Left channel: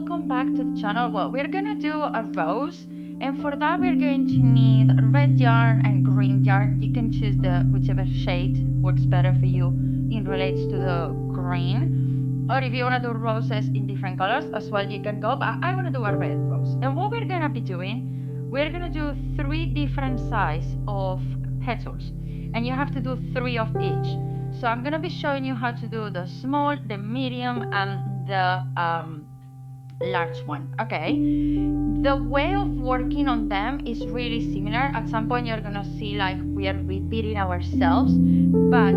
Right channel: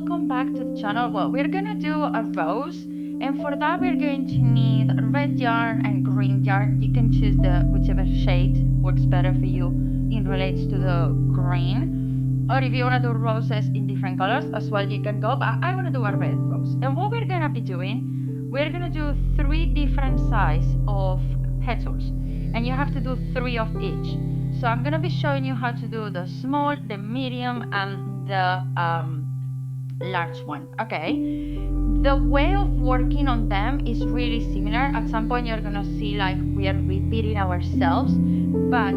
welcome back to the channel. Well, we're gonna do a rose, and for that we're going to need red yarn and green yarn. You can choose the whichever shade works better for you in relates to the green, or if you want to do roses in different colors as well, you can go, but I want to do a red rose. And what we're gonna be doing, we're gonna do 3 different size of petals, and you have to do 3 of each. So I'm gonna be showing you how to do the small, the medium, and the large one. Okay, the way of working on them is really similar. At some point you're gonna see like we are repeating ourselves, but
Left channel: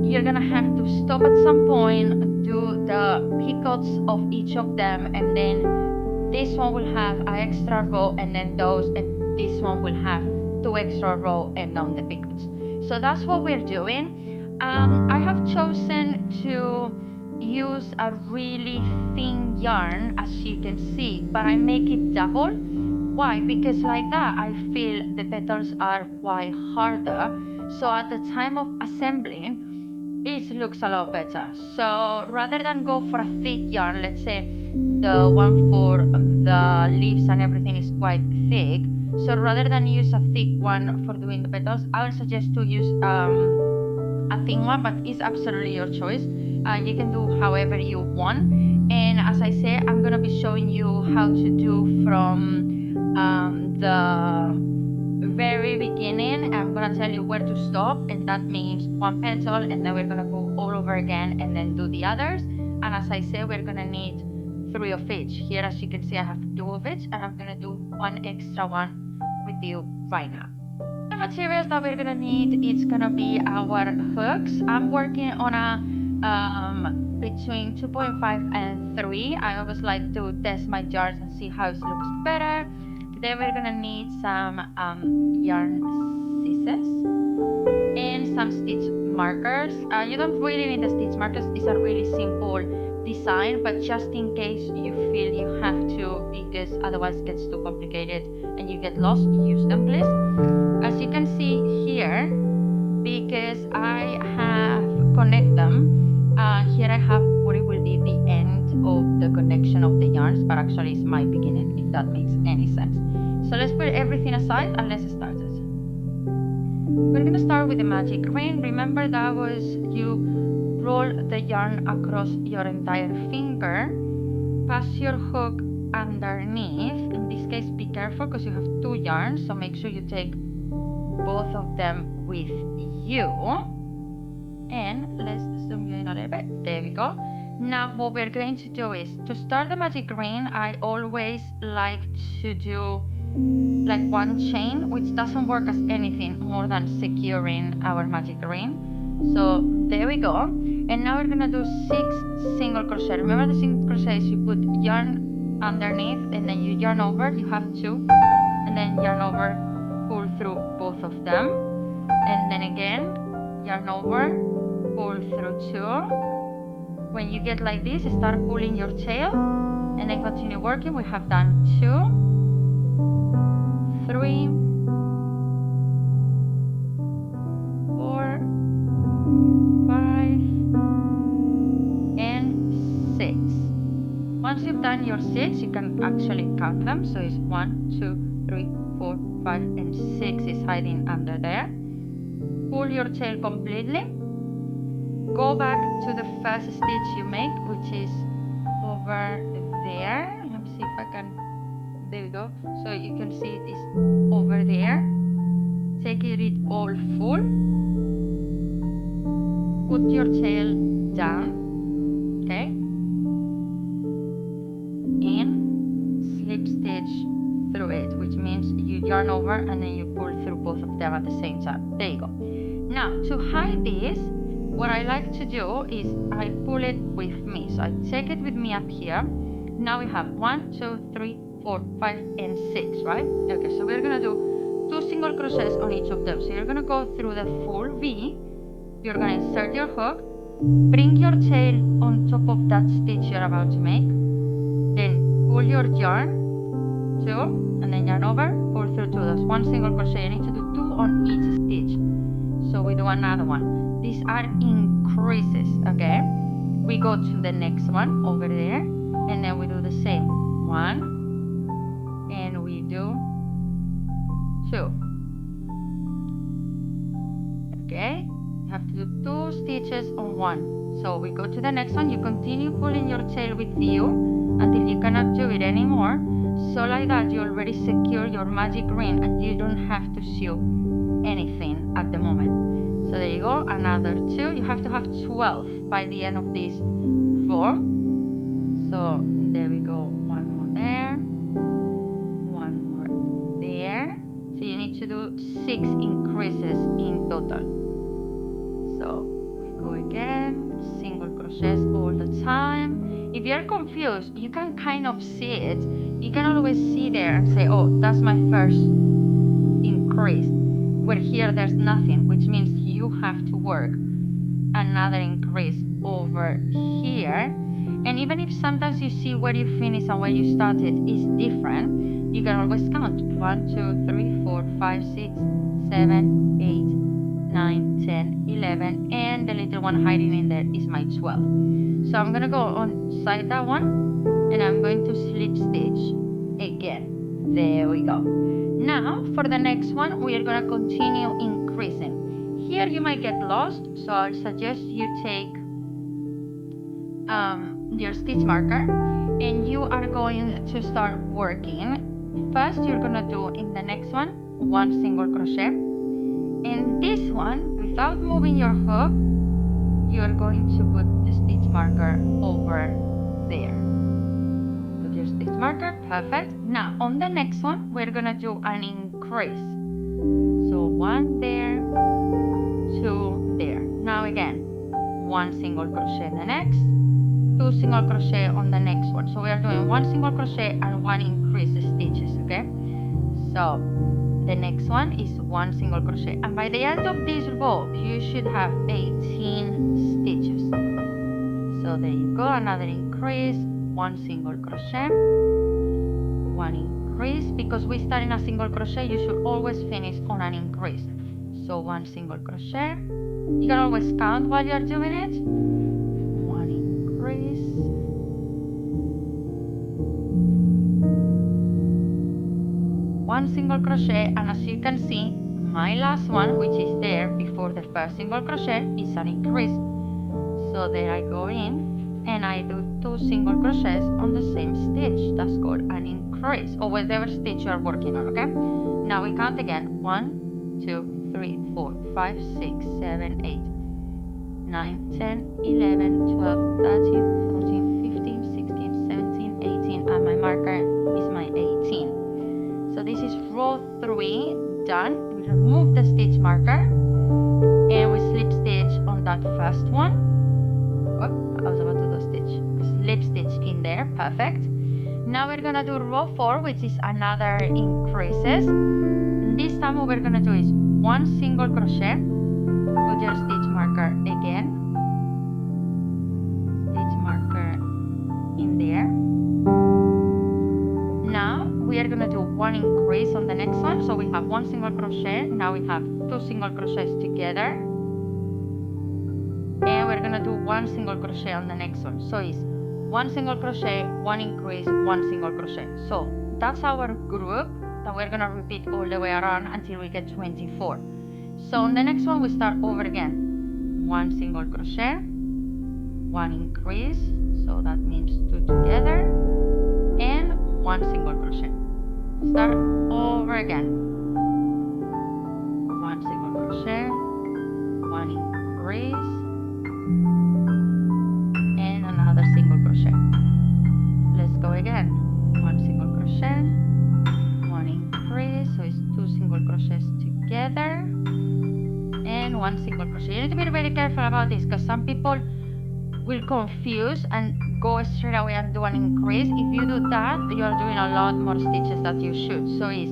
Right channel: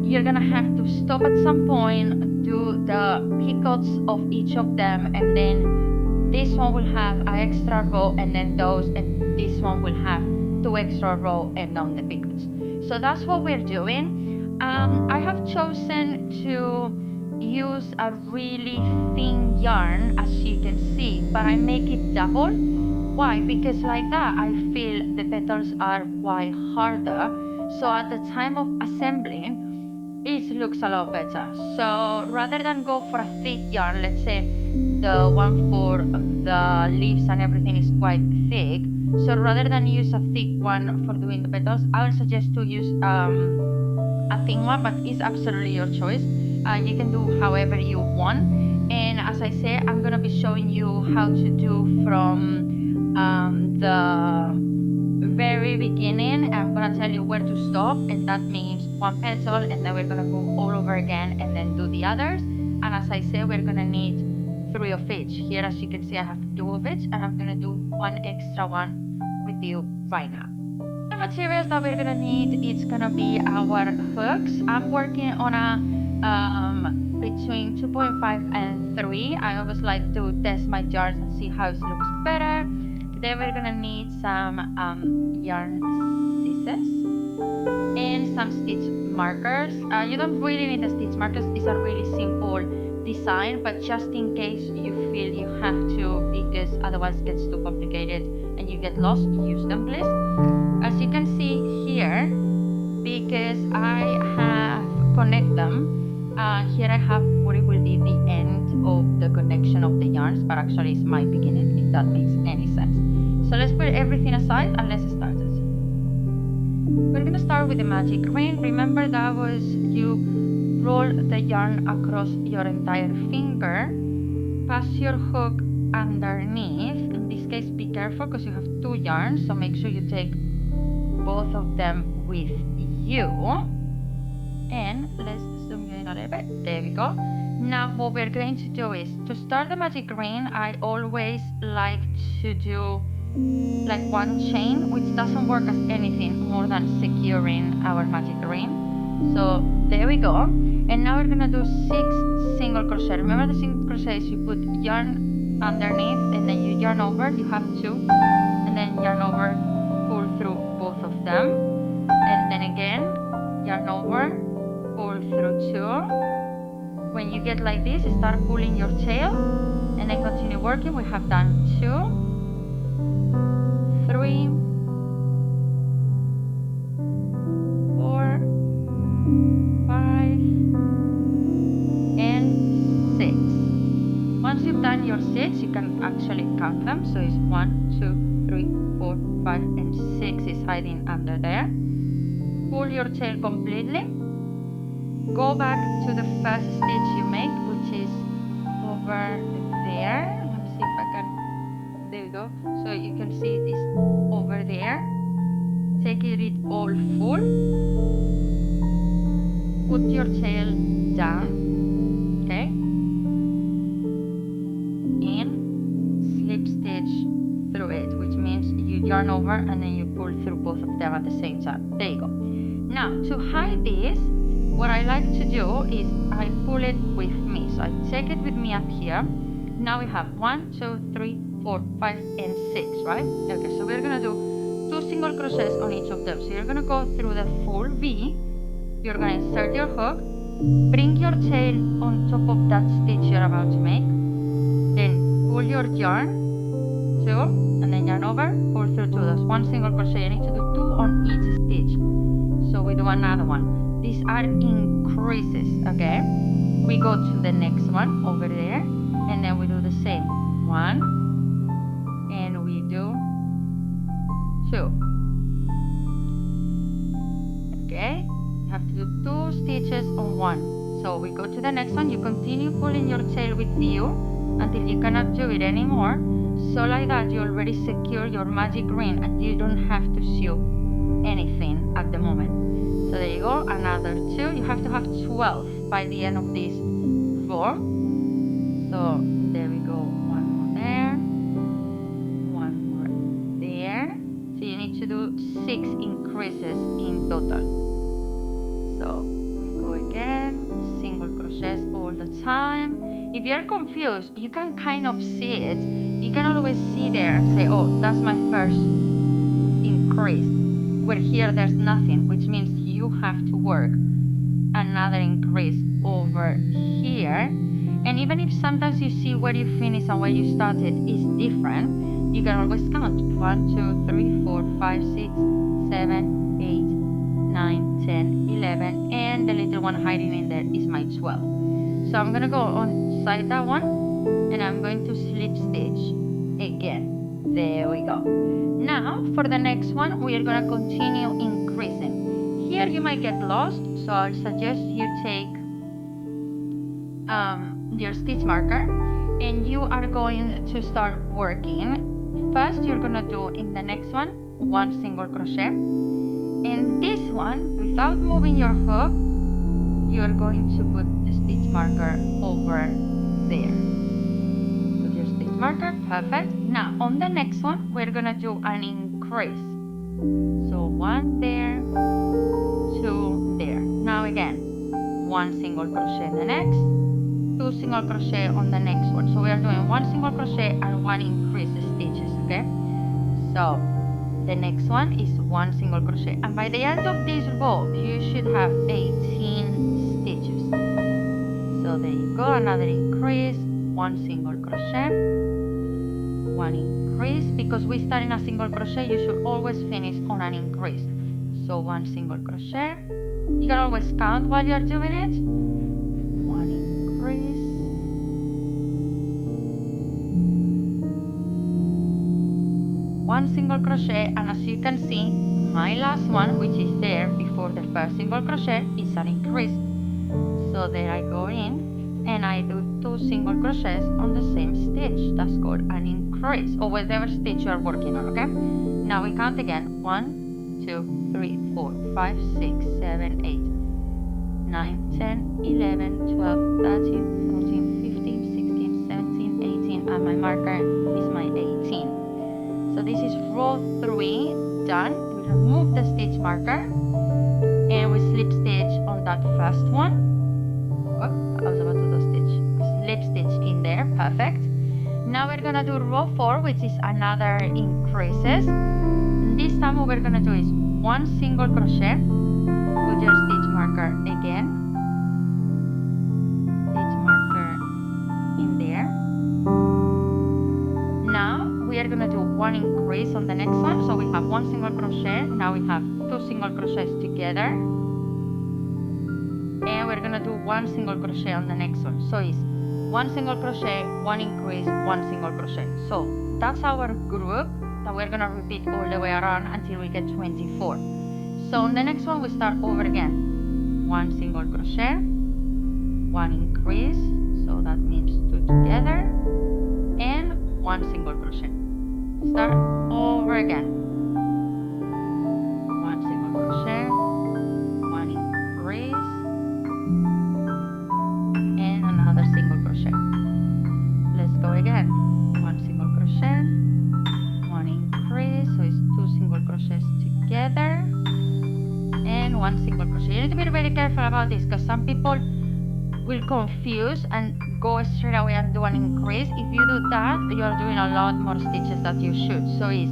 you're gonna have to stop at some point, do the picots of each of them, and then this one will have an extra row, and then those, and this one will have 2 extra row and on the picots. So that's what we're doing. I have chosen to use a really thin yarn, as you can see, but I make it double. Why? Because like that I feel the petals are quite harder, so at the time of assembling it looks a lot better. So rather than go for a thick yarn, let's say the one for the leaves and everything is quite thick, so rather than use a thick one for doing the petals, I would suggest to use a thin one, but it's absolutely your choice. You can do however you want. And as I say, I'm gonna be showing you how to do from the very beginning. I'm gonna tell you where to stop, and that means 1 petal, and then we're gonna go all over again and then do the others. And as I say, we're gonna need 3 of each. Here, as you can see, I have 2 of each, and I'm gonna do 1 extra one with you right now. The materials that we're gonna need, it's gonna be our hooks. I'm working on a between 2.5 and 3. I always like to test my yarns and see how it looks better. Then we're gonna need some yarn scissors and some stitch markers. You don't really need the stitch markers. These are really simple design, but just in case you feel you have to, because otherwise it gets too complicated and you get lost, use them please. As you can see here, because I have connect them, here I have what it will be the end of the connection of the yarns, but actually it's my beginning, if that makes any sense. So let's put everything aside and let's start it. We're gonna start with the magic ring. Remember that was you roll the yarn across your entire finger, pass your hook underneath. In this case, be careful because you have 2 yarns, so make sure you take both of them with you. And let's zoom in a little bit. There we go. Now what we're going to do is, to start the magic ring, I always like to do like 1 chain, which doesn't work as anything more than securing our magic ring. So there we go. And now we're gonna do 6 single crochet. Remember the single crochet is you put yarn underneath and then you yarn over, you have 2, and then yarn over, pull through both of them, and then again yarn over, pull through 2. When you get like this, start pulling your tail and then continue working. We have done 2, 3, 4, 5, and 6. Once you've done your 6, you can actually count them. So it's 1, 2, 3, 4, 5, and 6 is hiding under there. Pull your tail completely. Go back to the first stitch you make, which is over there. Let me see if I can. There we go. So you can see it is over there. Take it all full. Put your tail down. Okay. And slip stitch through it, which means you yarn over and then you pull through both of them at the same time. There you go. Now to hide this, what I like to do is I pull it with me. So I take it with me up here. Now we have 1, 2, 3, 4, 5, and 6, right? Okay, so we're gonna do 2 single crochets on each of them. So you're gonna go through the full V. You're gonna insert your hook, bring your tail on top of that stitch you're about to make, then pull your yarn, 2, and then yarn over, pull through 2. That's 1 single crochet. You need to do 2 on each stitch. So we do another one. These are increases, okay? We go to the next one over there. and then we do the same, 1, and we do 2. Okay, you have to do 2 stitches on 1. So we go to the next one. You continue pulling your tail with you until you cannot do it anymore. So like that, you already secure your magic ring and you don't have to sew anything at the moment. So there you go, another 2. You have to have 12 by the end of this row. So there we go, 1 more there, 1 more there. So you need to do 6 increases in total. So we go again, single crochets all the time. If you're confused, you can kind of see it. You can always see there and say, oh, that's my first increase. Where here there's nothing, which means you have to work another increase over here. And even if sometimes you see where you finish and where you started is different, you can always count 1, 2, 3, 4, 5, 6, 7, 8, 9, 10, 11, and the little one hiding in there is my 12. So I'm gonna go on side that one, and I'm going to slip stitch again. There we go. Now for the next one, we are gonna continue increasing. Here you might get lost, so I'll suggest you take your stitch marker, and you are going to start working. First, you're gonna do in the next one 1 single crochet. In this one, without moving your hook, you're going to put the stitch marker over there. Put your stitch marker, perfect. Now on the next one, we're gonna do an increase. So 1 there, 2 there. Now again, 1 single crochet in the next, 2 single crochet on the next one. So we are doing 1 single crochet and 1 increase stitches, okay? So the next one is 1 single crochet, and by the end of this row you should have 18 stitches. So there you go, another increase, 1 single crochet, 1 increase. Because we start in a single crochet, you should always finish on an increase. So 1 single crochet. You can always count while you are doing it. 1 increase, 1 single crochet, and as you can see, my last one, which is there before the first single crochet, is an increase. So there I go in and I do 2 single crochets on the same stitch. That's called an increase, or whatever stitch you are working on, okay? Now we count again, 1, 2, 3, 4, 5, 6, 7, 8, 9, 10, 11, 12, 13, 14, 15, 16, 17, 18, and my marker is my 18. So this is row 3 done. We remove the stitch marker and we slip stitch on that first one. Oh, I was about to do stitch. Slip stitch in there, perfect. Now we're gonna do row 4, which is another increases. And this time what we're gonna do is 1 single crochet. Put your stitch marker again. Stitch marker in there. Now we are gonna do 1 increase on the next one. So we have 1 single crochet. Now we have 2 single crochets together, and we're gonna do 1 single crochet on the next one. So it's 1 single crochet, 1 increase, 1 single crochet. So that's our group that we're gonna repeat all the way around until we get 24. So on the next one we start over again. 1 single crochet, 1 increase, so that means 2 together, and 1 single crochet. Start over again. 1 single crochet, 1 increase, and another single crochet. Let's go again. 1 single crochet, 1 increase, so it's 2 single crochets together, and 1 single crochet. You need to be very careful about this because some people will confuse and go straight away and do an increase. If you do that, you are doing a lot more stitches that you should. So it's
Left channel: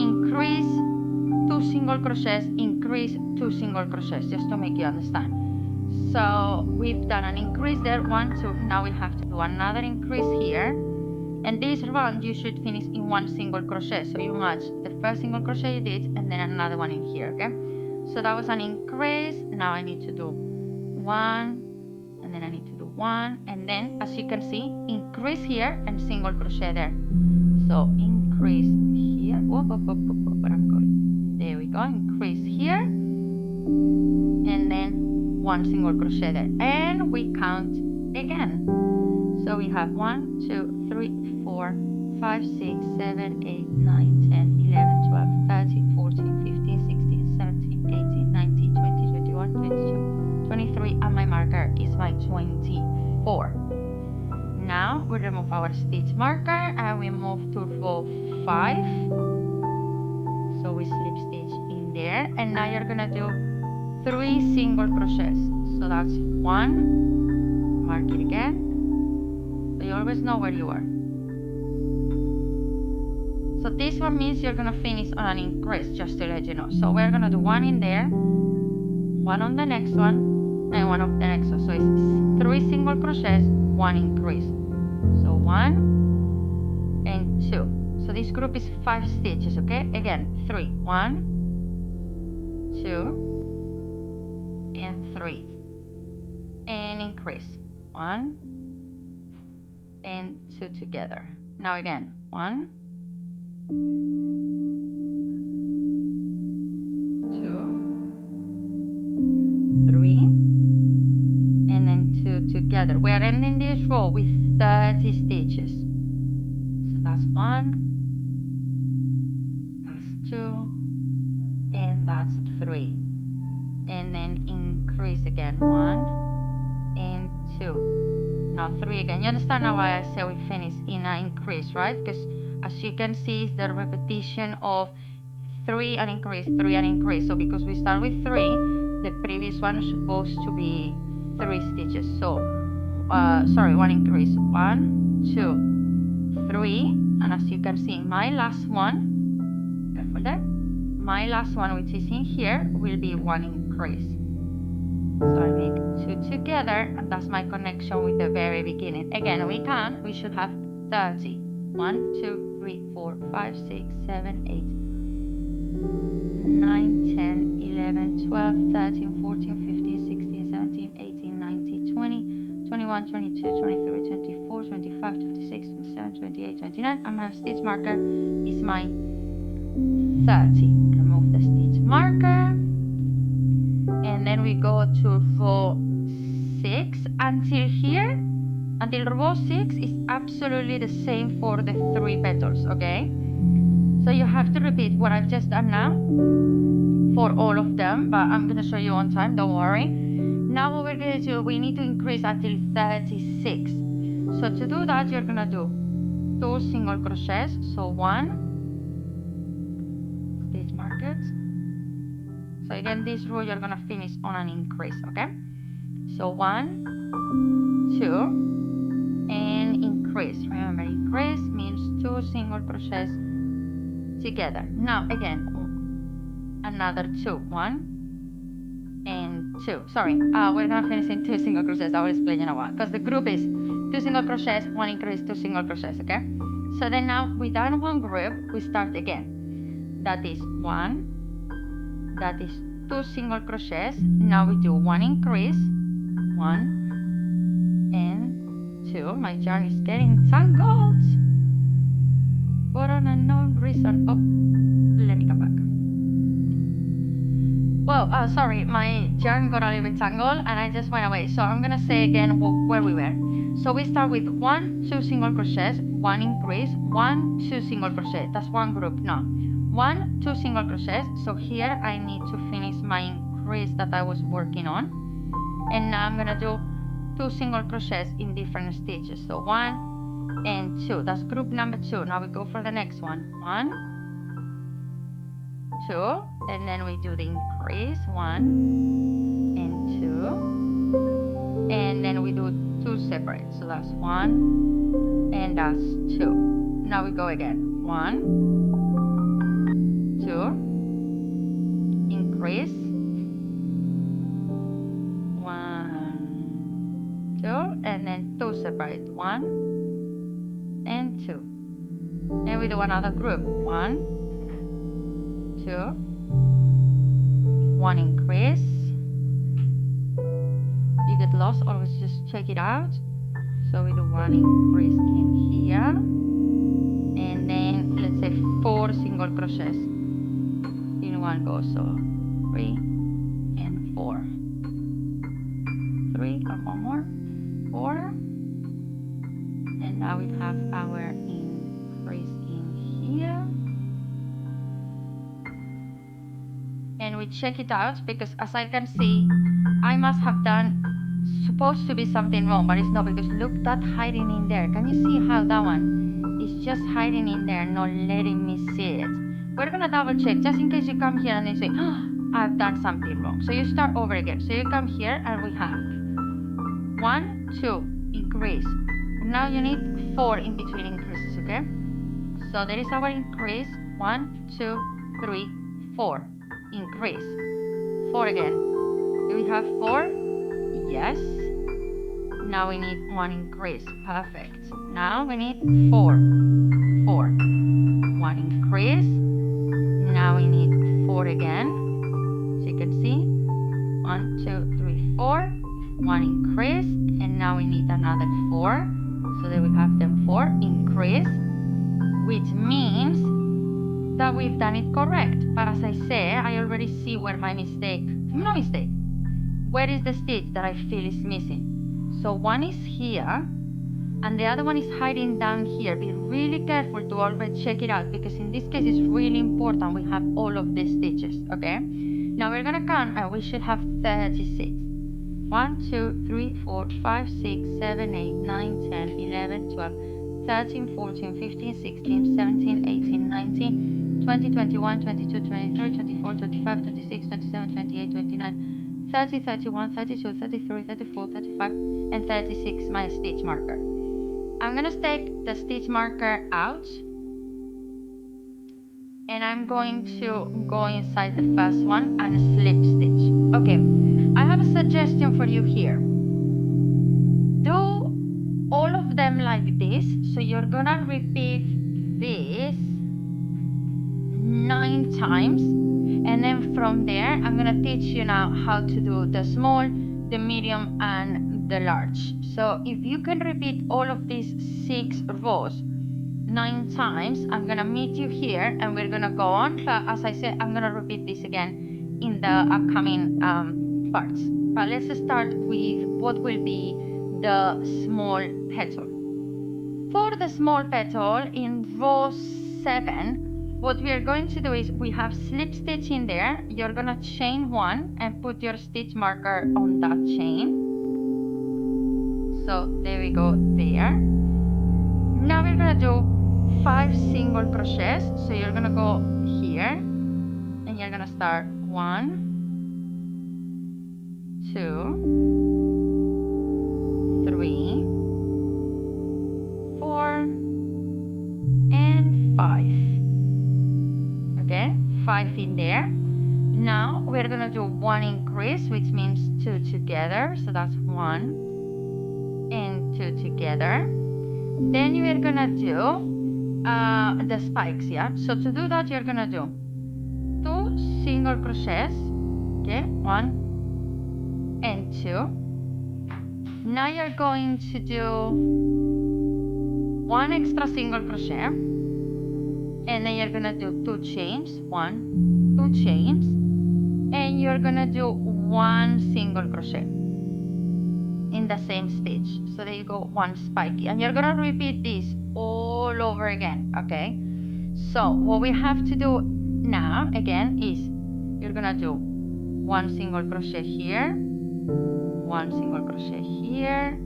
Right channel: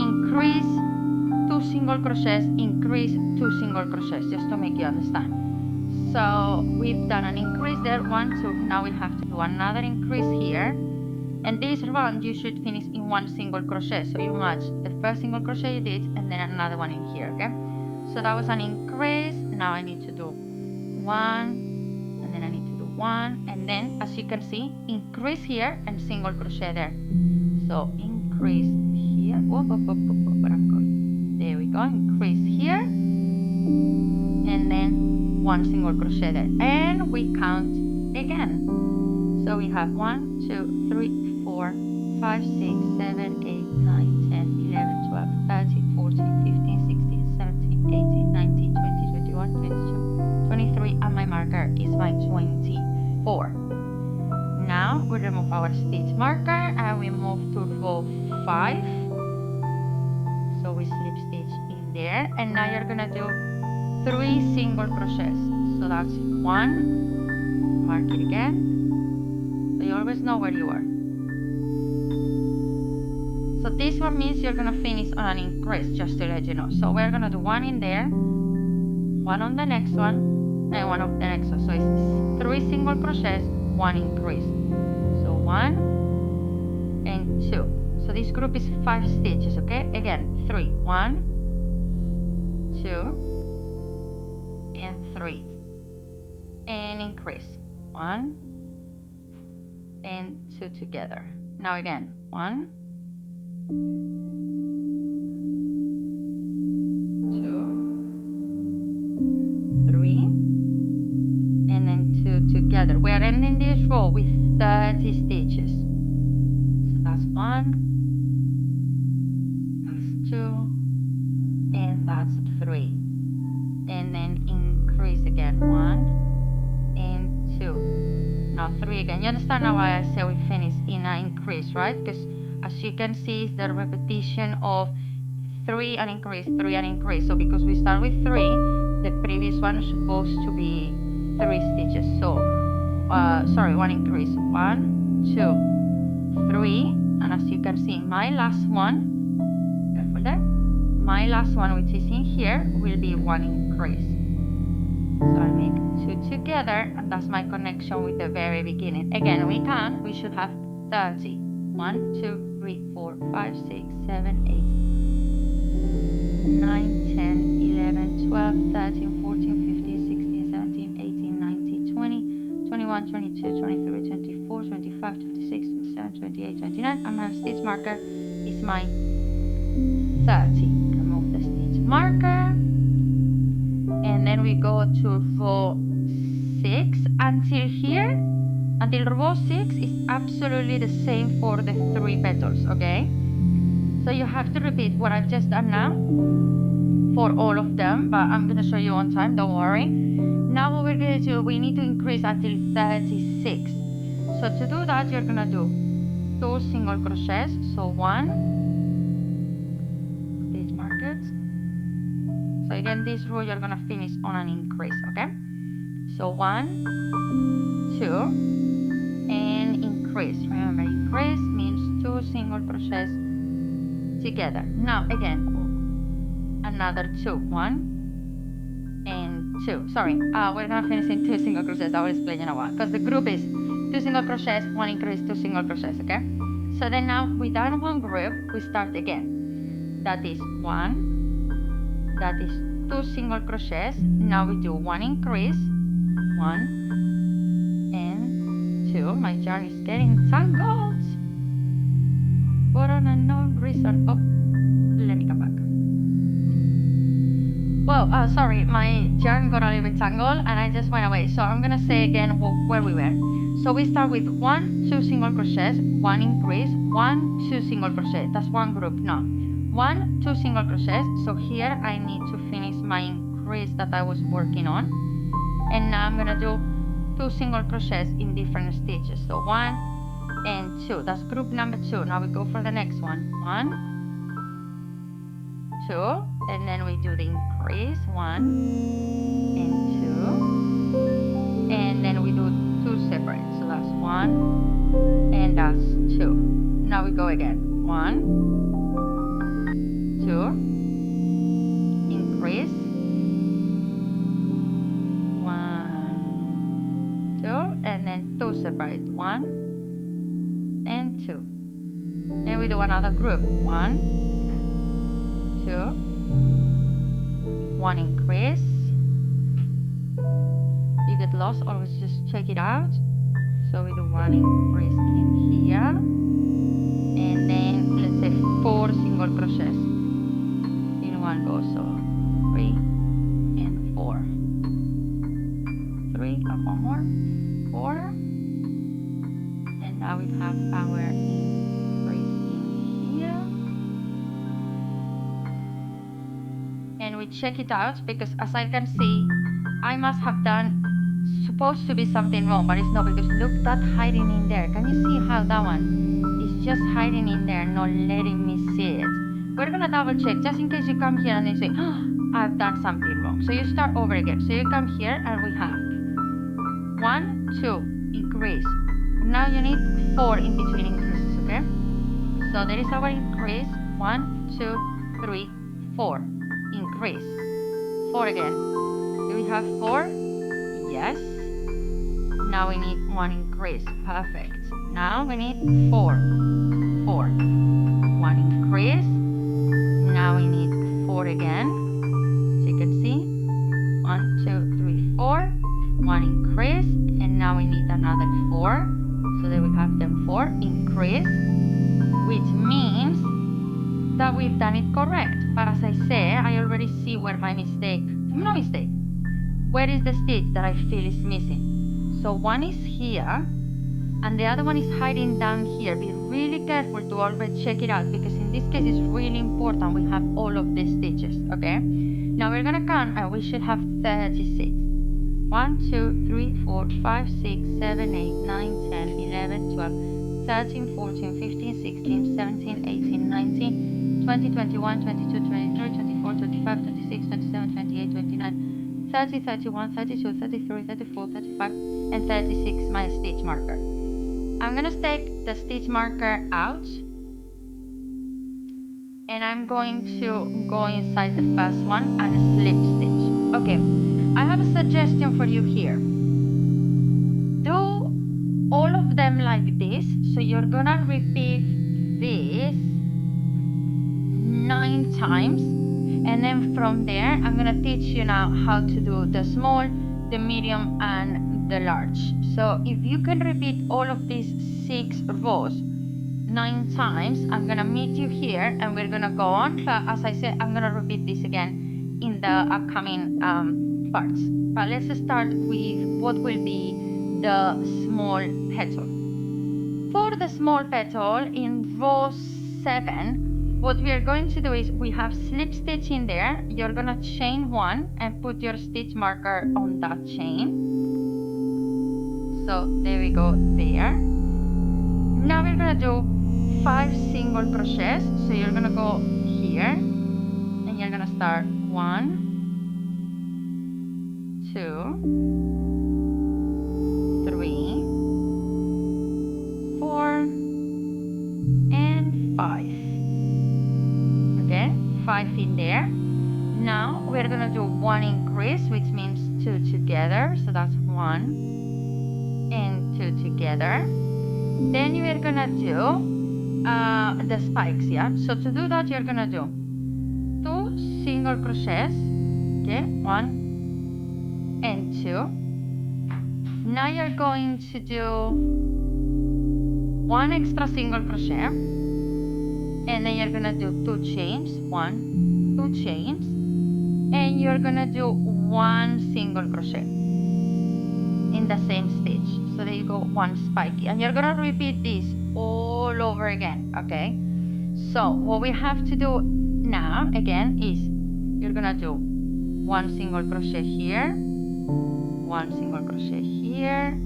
increase, 2 single crochets, increase, 2 single crochets, just to make you understand. So we've done an increase there, 1, 2. Now we have to do another increase here, and this round you should finish in 1 single crochet. So you match the first single crochet you did and then another one in here, okay? So that was an increase. Now I need to do 1, and then I need to do 1, and then as you can see, increase here and single crochet there. So increase here. Whoop, whoop, whoop, whoop, whoop, where I'm going. There we go. Increase here, and then 1 single crochet there, and we count again. So we have 1, 2, 3, 4, 5, 6, 7, 8, 9, 10, 11, 12, 13, 14, 15, 16, 17, 18, 19, 20, 21, 22, 23, and my marker is my 24. Now we remove our stitch marker and we move to row 5. So we slip stitch in there, and now you're gonna do 3 single crochets. So that's 1, mark it again, so you always know where you are. So this one means you're gonna finish on an increase, just to let you know. So we're gonna do 1 in there, 1 on the next one, and 1 on the next one. So it's 3 single crochets, 1 increase. So 1 and 2. So this group is 5 stitches, okay? Again, 3, 1, 2, and 3, and increase 1 and 2 together. Now again, 1, 2, 3, and then 2 together. We are ending this row with 30 stitches. So that's 1, that's 2, and that's 3, and then increase again, 1 and 2, now 3 again. You understand now why I say we finish in an increase, right? Because as you can see, it's the repetition of 3 and increase, 3 and increase. So because we start with 3, the previous one is supposed to be 3 stitches. So sorry, 1 increase, 1, 2, 3, and as you can see, my last one, careful there, my last one, which is in here, will be 1 increase. So I make 2 together, and that's my connection with the very beginning. Again, we should have 30. 1, 2, 3, 4, 5, 6, 7, 8, 9, 10, 11, 12, 13, 14, 15, 16, 17, 18, 19, 20, 21, 22, 23, 24, 25, 26, 27, 28, 29, and my stitch marker is my 30. Remove the stitch marker, and then we go to row 6 until here. Until row 6 is absolutely the same for the 3 petals, okay? So you have to repeat what I've just done now for all of them, but I'm gonna show you on time, don't worry. Now what we're gonna do, we need to increase until 36. So to do that, you're gonna do 2 single crochets. So 1, stitch markers. So again, this row you're gonna finish on an increase, okay? So 1, 2, and increase. Remember, increase means 2 single crochets together. Now again, another 2, 1 and 2. Sorry, we're gonna finish in 2 single crochets. I will explain in a while, because the group is 2 single crochets, 1 increase, 2 single crochets, okay? So then now with that one group, we start again. That is 1, that is 2 single crochets. Now we do 1 increase, 1 and 2. My yarn is getting tangled for an unknown reason. Oh, let me come back. Well, sorry, my yarn got a little bit tangled and I just went away. So I'm gonna say again where we were. So we start with 1, 2 single crochets, 1 increase, 1, 2 single crochet. That's one group. No, 1, 2 single crochets. So here I need to finish my increase that I was working on, and now I'm gonna do 2 single crochets in different stitches. So 1 and 2, that's group number 2. Now we go for the next one. 1, 2, and then we do the increase, 1 and 2, and then we do 2 separate. So that's 1 and that's 2. Now we go again. 1, 2, increase, 1, 2, and then 2 separate, 1 and 2. And we do another group. 1, 2, 1 increase. You get lost, always just check it out. So we do 1 increase in here, and then let's say 4 single crochets in one go. So 3 and 4, 3 and one more, 4, and now we have our increase in here. And we check it out, because as I can see, I must have done supposed to be something wrong, but it's not, because look, that hiding in there. Can you see how that one is just hiding in there, not letting me see it? We're gonna double check just in case you come here and you say, oh, I've done something wrong. So you start over again. So you come here and we have 1, 2, increase. Now you need 4 in between increases, okay? So there is our increase, 1, 2, 3, 4. Increase, 4 again. Do we have 4? Yes. Now we need 1 increase. Perfect. Now we need 4. 4. 1 increase. Now we need 4 again. So you can see 1, 2, 3, 4. 1 increase, and now we need another 4. So there we have them 4 increase, which means that we've done it correct. But as I say, I already see where my mistake, where is the stitch that I feel is missing. So one is here, and the other one is hiding down here. Be really careful to always check it out, because in this case it's really important we have all of these stitches, okay? Now we're gonna count, and we should have 36. 1, 2, 3, 4, 5, 6, 7, 8, 9, 10, 11, 12, 13, 14, 15, 16, 17, 18, 19, 20, 21, 22, 23, 24, 25, 26, 27, 28, 29, 30, 31, 32, 33, 34, 35, and 36, my stitch marker. I'm gonna take the stitch marker out, and I'm going to go inside the first one and slip stitch. Okay, I have a suggestion for you here. Do all of them like this. So you're gonna repeat this 9 times, and then from there I'm gonna teach you now how to do the small, the medium, and the large. So if you can repeat all of these 6 rows 9 times, I'm gonna meet you here and we're gonna go on. But as I said, I'm gonna repeat this again in the upcoming parts. But let's start with what will be the small petal. For the small petal in row 7, what we are going to do is we have slip stitch in there. You're gonna chain 1 and put your stitch marker on that chain. So there we go there. Now we're gonna do 5 single crochets. So you're gonna go here and you're gonna start 1, 2, 3, 4, and 5. Okay, 5 in there. Now we're gonna do 1 increase, which means 2 together. So that's 1 and 2 together. Then you're gonna do the spikes, yeah? So to do that, you're gonna do 2 single crochets, okay, 1 and 2. Now you're going to do 1 extra single crochet, and then you're gonna do 2 chains, 1, 2 chains, and you're gonna do 1 single crochet in the same stitch. So there you go, 1 spiky, and you're gonna repeat this all over again, okay? So what we have to do now again is you're gonna do 1 single crochet here, 1 single crochet here,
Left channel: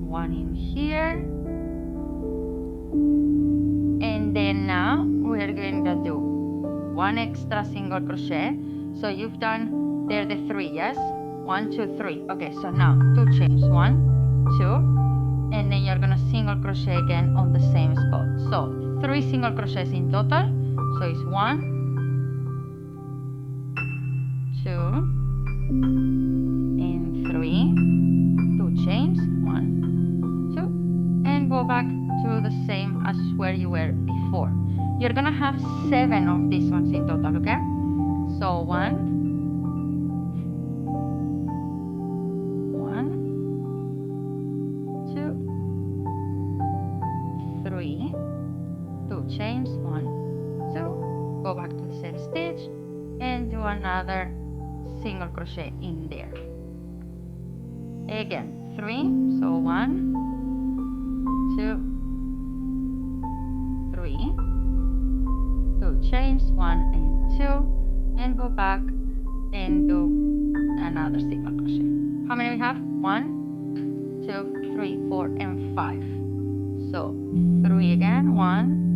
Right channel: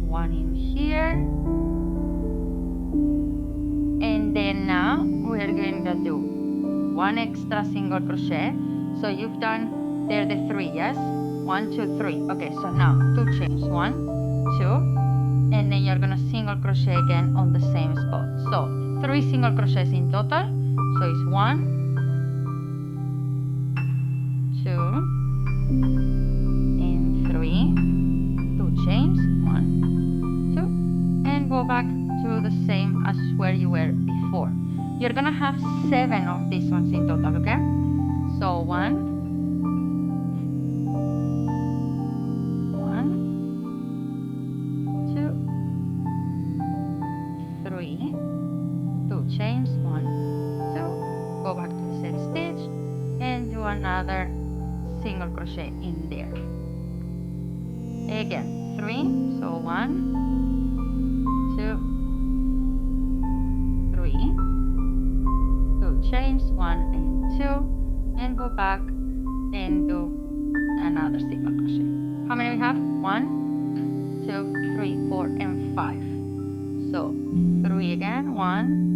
1 in here, and then now we're going to do 1 extra single crochet. So you've done there the 3, yes? 1, 2, 3. Okay, so now 2 chains, 1, 2, and then you're gonna single crochet again on the same spot. So 3 single crochets in total. So it's 1, 2, and 3, 2 chains, 1, 2, and go back to the same as where you were before. You're gonna have 7 of these ones in total, okay? So 1, 1, chains, 1, 2, go back to the same stitch and do another single crochet in there. Again 3, so 1, 2, 3, 2 chains, 1 and 2, and go back and do another single crochet. How many we have? 1, 2, 3, 4 and 5. So 3 again, 1,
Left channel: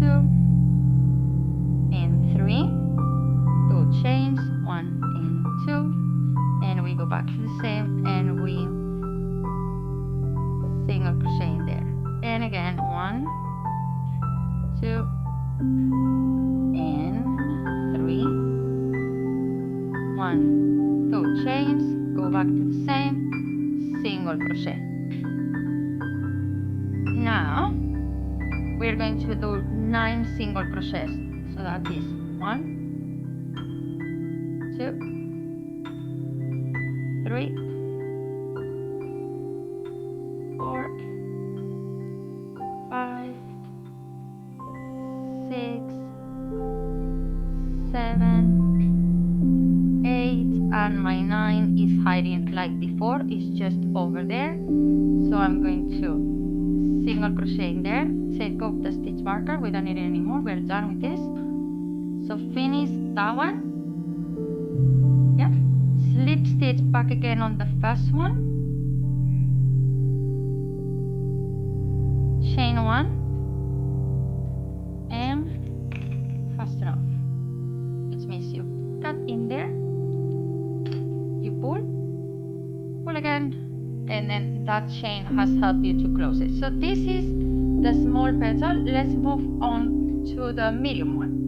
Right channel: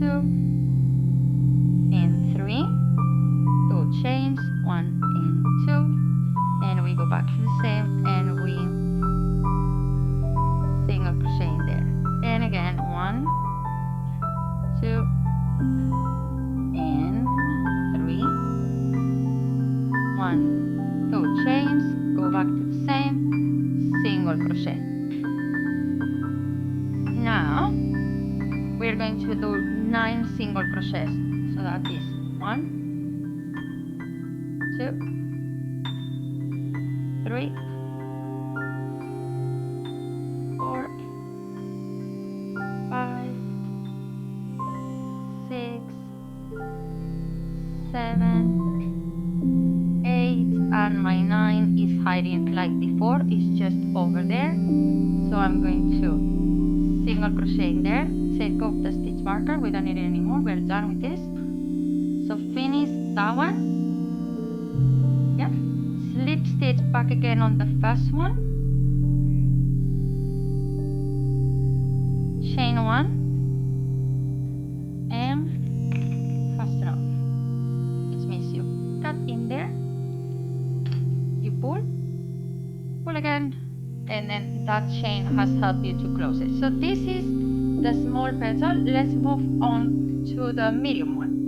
2 and 3, 2 chains, 1 and 2, and we go back to the same and we single crochet in there. And again 1, 2 and 3, 1, 2 chains, go back to the same, single crochet. Now we're going to do 9 single crochets, so that is 1, 2, 3, 4, 5, 6, 7, 8, and my 9 is hiding like before, it's just over there, so I'm going to single crochet in there, take off the stitch marker, we don't need it anymore, we're done with this. So finish that one, yeah, slip stitch back again on the first one, chain 1 and fasten off, which means you cut in there, you pull again, and then that chain has helped you to close it. So this is the small petal. Let's move on to the medium one.